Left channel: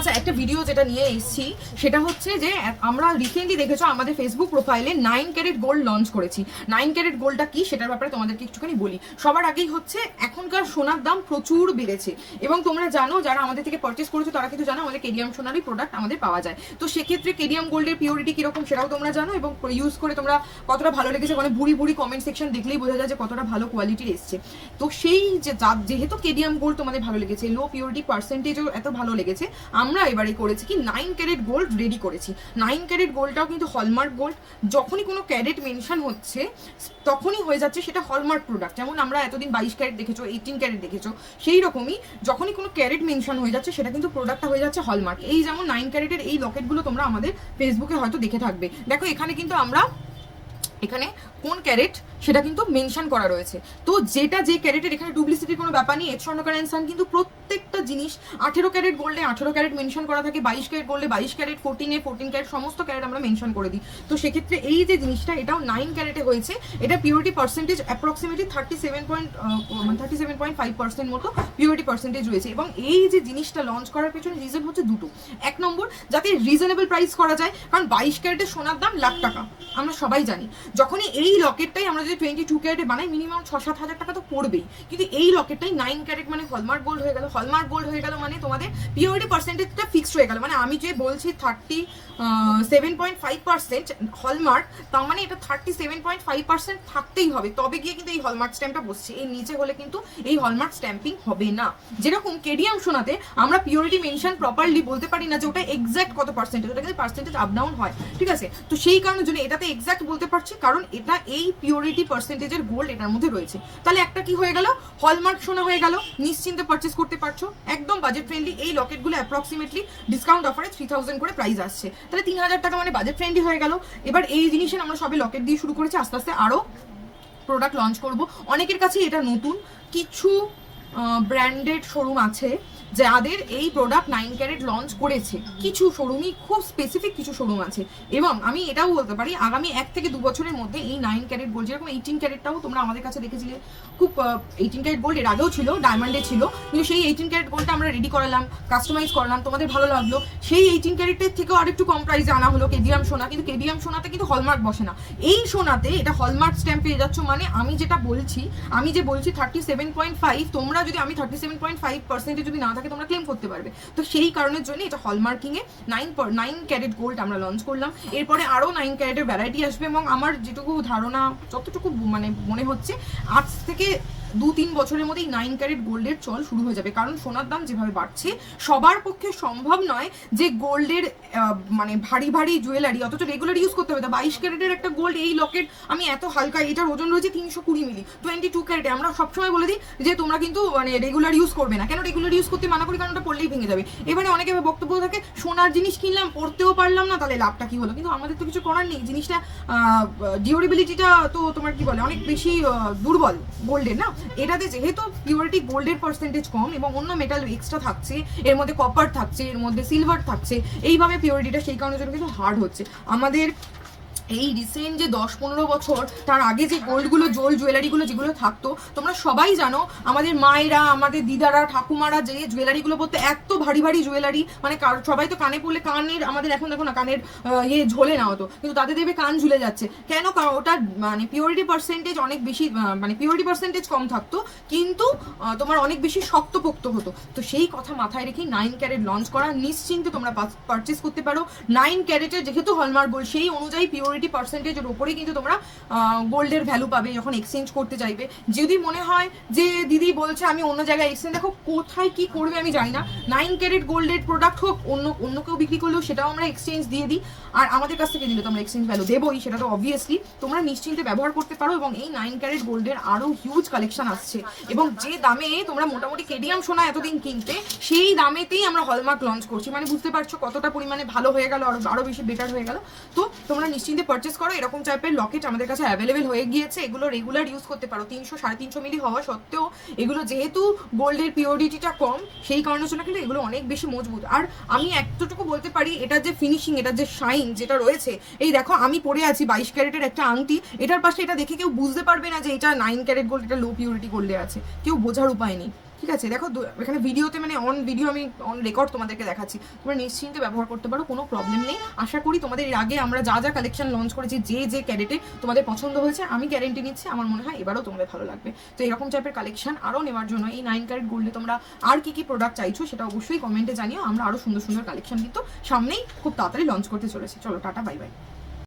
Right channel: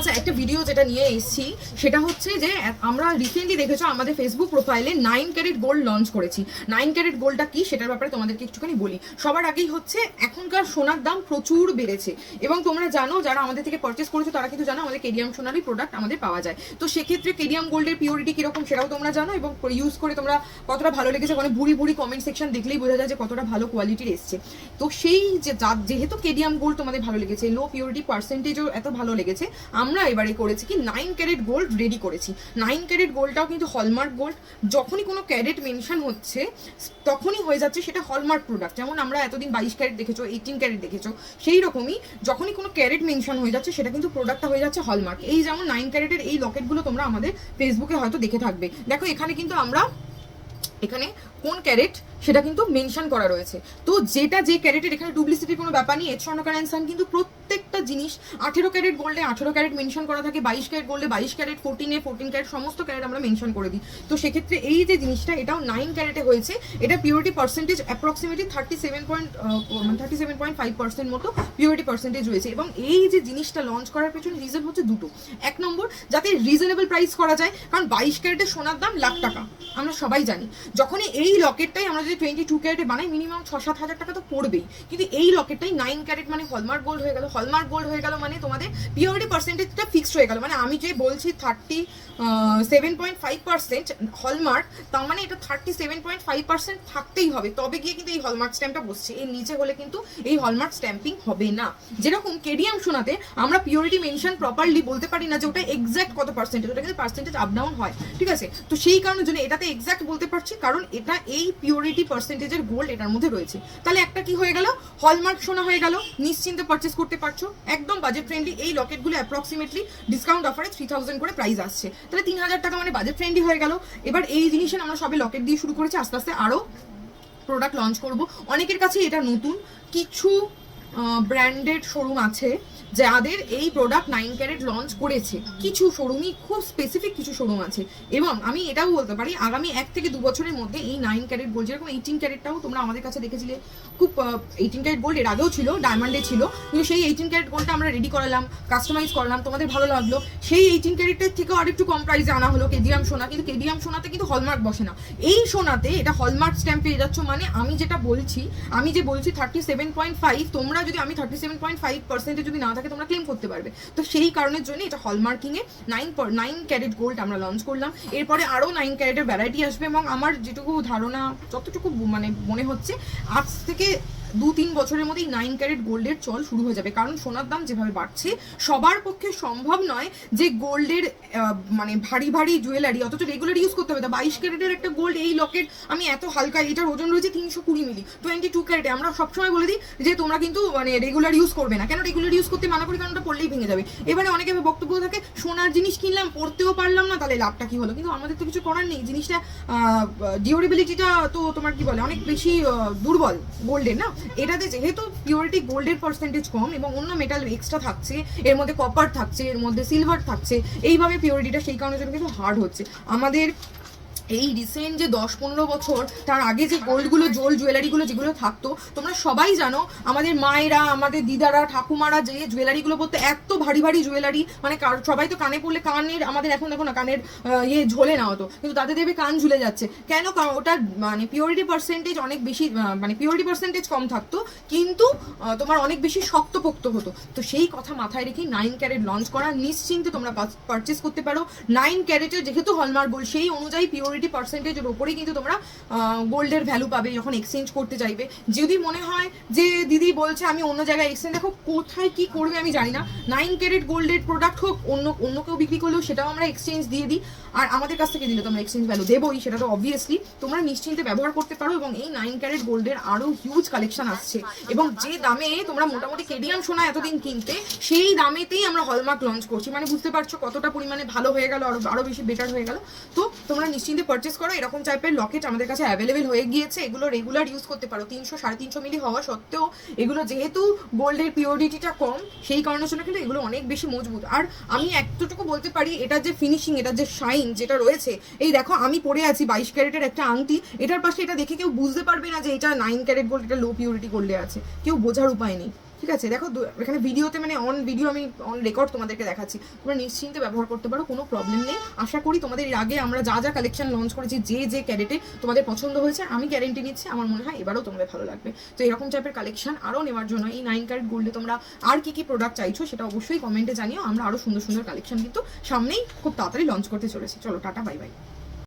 আচ্ছা একটা ভিডিও যেটা নিয়ে এসেছি, সেটা হচ্ছে যে, আমরা রিসেন্টলি দেখেছ আমাদের ফেসবুক প্রোফাইলে নাইন ক্যারেট গোল্ড লঞ্চ করেছি। নাইন ক্যারেট গোল্ডটা কি, সেটার ব্যাপারে তোমাদেরকে একটুখানি বলি। সবার আগেই হচ্ছে, এখনকার সোনার দাম প্রচুর বেড়েছে। এবং তোমরা জানো, যারা আমাদের থেকে পারচেস করেছ, তারা কিন্তু জানো আমাদের কেডিয়াম সোনারই প্রোডাক্ট আমাদের পাওয়া যায়। তো সেক্ষেত্রে কেডিয়াম গোল্ডের পিওরিটি কীরকম, সেটাও তোমরা জানো এবং ইউজ করে তোমরা কতটা ভালো লেগেছে মানে বুড়ি বুড়ি কমেন্ট সেকশন দেখলেই বোঝা যায় যে কতটা ভালো কোয়ালিটির এসছে। তো সেই যে যেহেতু কেডিয়াম গোল্ড তোমাদের ভালো লেগেছে লো পিওরিটি পার্সেন্টেজও এত ভালো লেগেছে আমরা এবারে করেছি কি নাইন ক্যারেট গোল্ড রেডি করেছি। নাইন ক্যারেট গোল্ডটাও কিন্তু হলমার্ক গোল্ড যখনই কোনো ক্যারেট মেনশন হচ্ছে, তখনই হয়ে যাচ্ছে সেটা হলমার্ক প্রোডাক্ট যেমন আমরা এতদিন বাইশ ক্যারেট দেখেছ এইটিন ক্যারেট দেখেছ, সেই রকমই যখনই কোনো ক্যারেট মেনশন হয়ে যাচ্ছে, সেটা কিন্তু প্রোডাক্টটা হয়ে যাচ্ছে হলমার্ক এই যেমন নাইন ক্যারেটের এই লকেটগুলো তোমরা আমাদের ফেসবুকে হয়তো দেখে থাকবে। দেখো, এখানে কিন্তু আমরা, এখানে কোন ক্যারেট সেটা কিন্তু মেনশন করা রয়েছে। তো যেটা যে ক্যারেটের এখানে ডুপ্লিসিটির কোনো ব্যাপার নেই স্বর্ণকার অ্যান্সার কিন্তু প্রত্যেকটা জিনিস আঠেরো ক্যারেট গোল্ডে আঠেরো ক্যারেট মেনশন করা থাকে, বাইশ ক্যারেট গোল্ডে বাইশ ক্যারেট ফোরটিনে ফোরটিন ক্যারেট, সমস্ত ক্যারেট আমরা মেনশন করে দিই। তো সেক্ষেত্রে এই যে জিনিসটা, এটাও নাইন ক্যারেটে হয়েছে। এটা purity percentage approximately thirty seven point মানে thirty seven point five percent মতো পিউরিটি পার্সেন্টেজ রয়েছে। এবং এই যে জিনিসটা লঞ্চ করার পেছনে রিজন হচ্ছে দুটো। এক নম্বর, যাতে রিজনেবল প্রাইস করা যায়, কারণ বাইশ ক্যারেটের সোনার দাম লাখ টাকা। আমরা সবাই জানি। যখনই এই রকেটটাই আমরা যদি টোয়েন্টি টু ক্যারেটে বানাই মিনিমাম ছ সাত হাজার টাকা তো পড়বেই। কিন্তু এই রকেটটাই নাইন ক্যারেট মানে হলমার্ক গোল্ড হয়ে গেল হলমার্ক গোল্ড হয়ে গেল মানে তোমাদের পিওরিটি পার্সেন্টেজটা ফিক্সড হয়ে গেল। মানে আমি যে বলছি thirty seven point five percent hallmark তার মানে এটা thirty seven point five percent থাকতেই হবে। তবে গিয়ে কিন্তু এই হলমার্ক স্ট্যাম্পটা বসছে। এর নিচে হলে কিন্তু এই হলমার্ক স্ট্যাম্পিং হবে না। যেরকম কেডিয়াম শোনাতে আমরা পিওরিটি মেনশন প্রপারলি বলতে পারি না যে ওটা এক্সাক্ট কত পার্সেন্টেজ ওটা কিন্তু পার্সেন্টেজ আপ ডাউন হয়। ঠিক আছে? তো সেই কারণের জন্য এটাতে এক্সাক্ট বলতে পারছি, কারণ এটা এই পিওরিটি পার্সেন্টেজের গোল্ড এটার মধ্যে রয়েছে। তাহলে একটা কি হয়ে গেল? হলমার্ক শোনা হয়ে গেল। নিশ্চিন্তে পারচেস করতে পারছ? একদম বাজেট ফ্রেন্ডলি এই লকেটগুলো অ্যাপ্রক্সিমেটলি ডিসকাউন্ট অফারে থ্রি থাউজেন্ড করে প্রাইস আসছে। তাহলে তিন হাজার টাকা মানে বাজেট ফ্রেন্ডলি হয়ে গেল। এবার এই জিনিসে আমরা সবে লকেট দিয়ে শুরু করেছি, আস্তে আস্তে আরও প্রোডাক্ট লঞ্চ করব। অনেকের কাছেই এটা নতুন। কিছু ব্র্যান্ডেড শোরুম আছে। যাদের এই প্রোডাক্ট নাইন ক্যারেট লঞ্চ করেছে। কিছু শোরুমই খুব স্পেসিফিক কিছু শোরুম আছে। এবং আমি এটাও বলতে পারি, আগামী এক থেকে দু বছরের মধ্যে এই নাইন ক্যারেট গোল্ড যেরকম এইটিন ক্যারেটটাও তোমরা আমাদের কাছে দেখেছিলে, খুব এইটিন ক্যারেট গোল্ড এর আগেও ছিল ডায়মন্ডে ছিল, কিন্তু সেই এইটিন ক্যারেট গোল্ডটা আমরা রেডি করালাম কাস্টমাইজ করলাম, তোমাদের ভালো লাগল। সেই এইটিন ক্যারেটের থেকেও আরেকটু কম প্রাইসে আনা হলো কেডিয়াম সোনা, কিন্তু কেডিয়াম সোনাতে কিন্তু হলমার্ক বসে না। এই সোনাতে এটা হলমার্ক স্ট্যাম্প পেয়ে যাচ্ছ মানে আমি যেটা বলছি, আমি যে বলছি থার্টি সেভেন পয়েন্ট ফাইভ তোমরা যদি, আমি থার্টি সেভেন পয়েন্ট ফাইভ পার্সেন্টে যদি না থাকে তোমরা ক্লেম করতে পারবে। তো সেই কারণের জন্য এটা হলমার্কিং এ নাইন নাইন ক্যারেট গোল্ড আমরা লঞ্চ করলাম। এরপরে আরও নাইন ক্যারেটের ভ্যারাইটি আসবে এবং আমার যেটুকু ধারণা, যতটুকু মানে মনে হচ্ছে, আজ থেকে দু তিন বছরের মধ্যেই নাইন ক্যারেট গোল্ডের চল শুরু হয়ে যাবে। কারণ সোনার দাম যেভাবে বাড়ছে, সবার পক্ষে সম্ভব নয় যে গোল্ডের মানে ভারী ভারী জুয়েলারি অথচ রেগুলার ইউজ করতে হবে। তা বাইশ ক্যারেটের একটা গোল্ড এই লকেট আমি এত হালকা, এটার ওজন রয়েছে তিনশো কুড়ি মিলি টোয়েন্টি টু ক্যারেটে আমরা সবসময় বলে দিই যে তোমরা কিন্তু মানে রেগুলার ইউজ করবে না। কেন রেগুলার ইউজ করতে মানা করি? কারণ ওটা পড়লেই ভেঙে যাবে। এবারে অনেকে আমি বক্তব্য থাকে, সোনার জিনিস কিনলাম, পড়তেও পারলাম না, তাহলে লাভটা কি হলো? কিন্তু আমাদের তো কিছু করার নেই। জিনিসটা ডিউরেবিলিটিটা তো তোমার কি বলে? অনেক বেশি দুর্বল গোল্ডের না? এটাতে যেহেতু পিওরিটি গোল্ডের পার্সেন্টেজ কম এবং অন্য মেটাল এক্সট্রা থাকছে, এর মধ্যে কপার থাকছে, এর মধ্যে সিলভার থাকছে, এইভাবে পিওরিটিটা সেই কারণের জন্য কিছু হার্ড হচ্ছে। আমাদের এই রিসেন্ট যে দশ পনেরো বছর, তার আগে যে গোল্ডগুলো, জোল জুয়েলারিগুলো যেগুলো থাকতো, তোমরা সবাই জানো, আমাদের মায়েরা, আমাদের দিদারা, ঠাকুমারা যে জুয়েলারিগুলো পরতে, এত ভারী ভারী জুয়েলারি মানে সবাই তো কানে পড়লে কানের, আমাদের এখন দেখো না, কানের ইয়ে ঝোলে না হতো কিন্তু তাদের দেবে কান ঝুলে যাচ্ছে। কেন? কারণ ওটা মানে পিওরিটি পার্সেন্টেজ অনেক বেশি মানে পিওরিটি পার্সেন্টেজ কম থাকতো, কিন্তু তোমার অনেক বেশি শক্তপোক্ত হতো। তো সেই কথা মাথায় রেখে নাইন ক্যারেট লঞ্চ করা নিশ্চিন্তে তোমরা পারচেস করতে পারো। নাইন ক্যারেটের যেহেতু হলমার্ক গোল্ড সেই অনুযায়ী পিওরিটি পার্সেন্টেজের ওপরে কিন্তু তোমরা গোল্ডের ভ্যালু পাবে যখন এক্সচেঞ্জ করতে চাইবে যদি মনে হয় যে দিদি বলছে আমি অন্য জায়গায় এক্সচেঞ্জ দেখো কোথায় কি করবে আমি জানি না। নাইন ক্যারেট গোল্ডের প্রোডাক্ট হোক, অন্য অন্য কেউ বিক্রি করলেও সেটাও আমরা এক্সচেঞ্জ দিয়ে দিই। আর আমাদের কাছ থেকে দিলে তোমরা এক্সচেঞ্জ ভ্যালু দেবোই, সেটা তো অবভিয়াসলি তোমরা নিশ্চিন্তে ব্যবহার করতে পারো এবং এই নাইন ক্যারেট গোল্ডের আরও হিউজ কালেকশন আসছে। এবং যে দামে তোমরা মোটামুটি কেডিয়াম সোনা এতদিন কিনতে, সেই দামেতেই আমরা হলমার্ক লঞ্চ করছি। মানে বুঝতে পারছ কতটা পরিমাণে ভালো হয়ে গেল, আরও আরও বেশি বেটার হয়ে গেল। তো তোমরা নিশ্চিন্তে পারচেস করো, এরকম টাইপের লকেট আমাদের কাছে অ্যাভেলেবেল হয়ে গিয়েছে। এগুলো রেগুলার ইউজ করতে পারো। তিনশো, সাড়ে তিনশো মিলি হওয়া সত্ত্বেও এগুলো যেহেতু গোল্ডের পিওরিটিটা কম, সেই কারণের জন্য কিন্তু এগুলো অনেক বেশি মজবুত। আর আমি এতটুকু বলতে পারি এটার যে ফিনিশিং এটার যে শাইন যেটা রয়েছে, এই দেখো আমি পরে আছি বাইশ ক্যারেটের একটা আংটি। এটার পাশে এটা দেখে কেউ বুঝতে পারবে না যে এটা নাইন ক্যারেট গোল্ড এটা লো পিউরিটি গোল্ডে আছে। কেউ বোঝার উপায় নেই। ঠিক আছে, দেখো এখানে ভিডিওতে মানে অন ভিডিও আমি অন রেকর্ড তোমাদেরকে দেখাচ্ছি। তোমরা নিশ্চিন্তে ব্যবহার করতে পারো, কোনো প্রবলেম নেই। আশা করি তোমাদের এর আগে আমরা যা যা কালেকশন লঞ্চ করেছি, যে যে ক্যারেটে তোমাদের পছন্দ হয়েছে, আমি গ্যারেন্টি নিচ্ছি, আমার মনে হয় এবারও তোমাদের ভালো লাগবে। তো এরকম টাইপের কালেকশন আরও নেওয়ার জন্য এই নাইন ক্যারেট গোল্ডে তোমরা আর কি কি প্রোডাক্ট চাইছো সেটা অবশ্যই কমেন্টে জানিও। আমরা আরও সুন্দর সুন্দর কালেকশন কিন্তু সামনেই খুব তাড়াতাড়ি লঞ্চ করতে চলেছি। চলো, টাটা বাই বাই